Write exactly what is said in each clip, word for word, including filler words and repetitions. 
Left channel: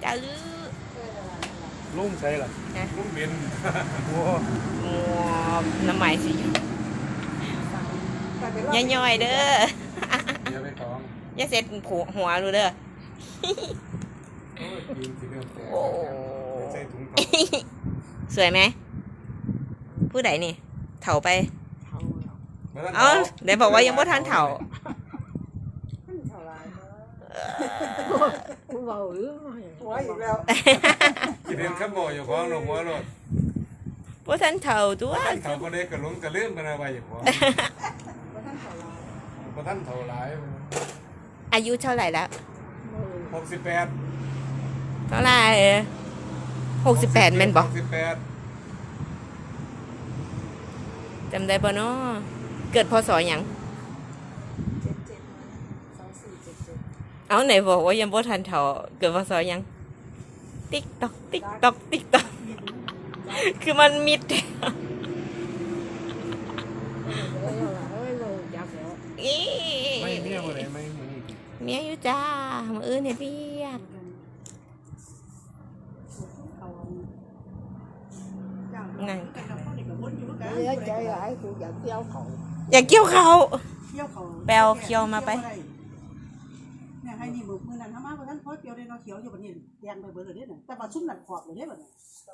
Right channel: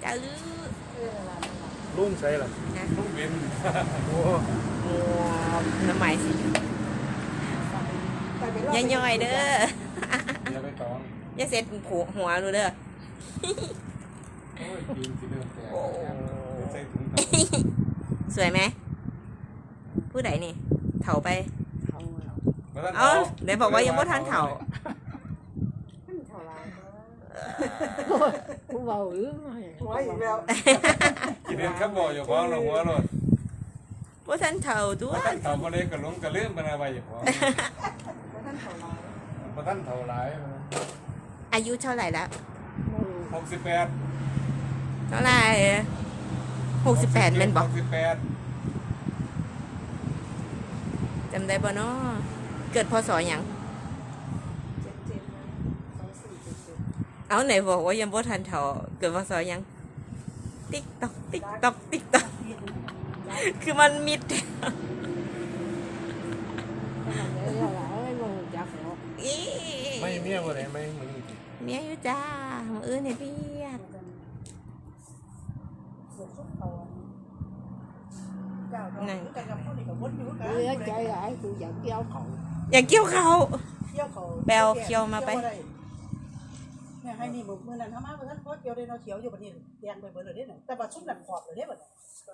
จ้าลือลุงใส่หรอลุงเบนโอ้โอ้น้ำใหม่สิย่อยๆเด้ออย่าไปตองอย่าเสร็จหัวหัวรู้เด้อโอ้ยกินสิเรื่องแต่ใส่ถุงเท้าสวยไหมผู้ใดนี่เถาไปเอ้าเดี๋ยวบอกว่ายังไม่ทันเถากูเบาหรือหัวอีกแล้วกินเห็นข้าวบ่อยู่ของเราหัวรถว่าทันเถาตัวท่านเถาก็เลยกระล้มกระเลื่อนมันอะไรอยู่ของท่านเท่าไรท่านเถาหลายอายุเท่าไหร่แล้วหกสิบแปดเท่าไหร่หกสิบแปดเมนบอกหกสิบแปดจำได้ปะเนาะเกิดพศอย่างเจ็ดเจ็ดสองสี่เจ็ดเจ็ดเอาไหนบอกว่ายังบ่ทันเถาเกิดพศยังติ๊กตอกติ๊กตอกติ๊กตอกคือมันมิดไม่เมียอะไรไม่มันเมียอยู่จ้ามืออื่นเนี่ยเปียกนั่งเลี้ยใจหลายกูอยากเกี่ยวเขาอยากเกี่ยวเขาเกี่ยวเขาแปลวเคียวมาไปเนี่ยให้นี่บุกมือนั่นทำมาเพราะท่านโคตรเกี่ยวเลยเนาะเขียวอยู่แบบนี้แดงไปเบิดเลยเนี่ยแต่ว่าชุ่มหนักขอบเลยเนี่ยแบบนี้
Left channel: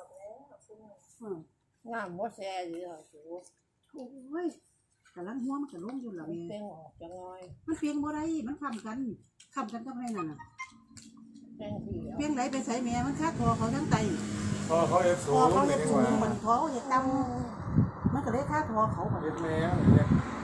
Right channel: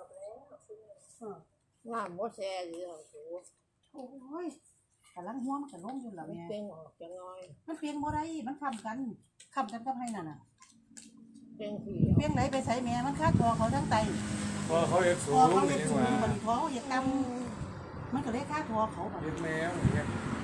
งามมดแซ่เลยอ่ะโอ้ยกำลังหัวมันกระล้มอยู่หรอเนี่ยเป็นออกจะน้อยมันเพียงบ่ได้มันคำกันคำกันกับให้นั่นน่ะเป็นผีเพียงไหนไปใส่แม่มันคาดคอเขาทั้งไตพอเขาเอฟสูงพอเขาเอฟสูงบนท้องเอฟดำมันก็เลยคาดคอเขาแบบเอฟแม่เนี่ย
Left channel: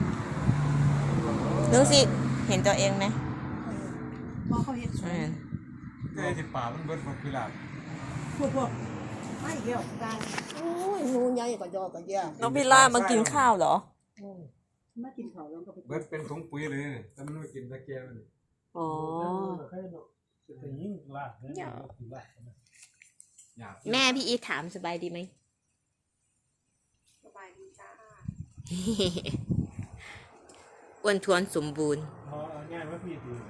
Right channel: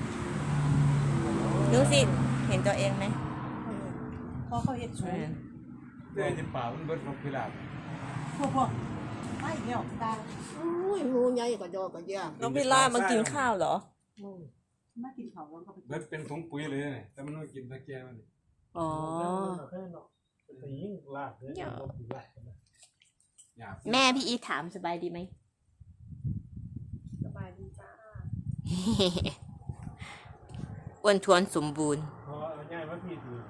ดูสิเห็นตัวเองไหมพอเขาเอฟสูงแต่ที่ป่ามันเบิดพิลาบพวกพวกไม่เดียวตายโอ้ยงูใหญ่ก็ยอก็แย่น้องพิล่ามากินข้าวเหรอมากินข้าวแล้วก็ไปเบิดเป็นถุงปุ๋ยเลยเนี่ยแต่มันไม่กินตะเกียบมันอ๋อแม่พี่อีถามสบายดีไหมสบายดีจ้าอ้วนท้วนสมบูรณ์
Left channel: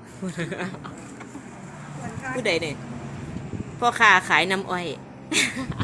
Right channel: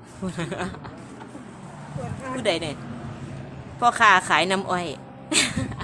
ผู้ใดเนี่ยพ่อค้าขายน้ำอ้อย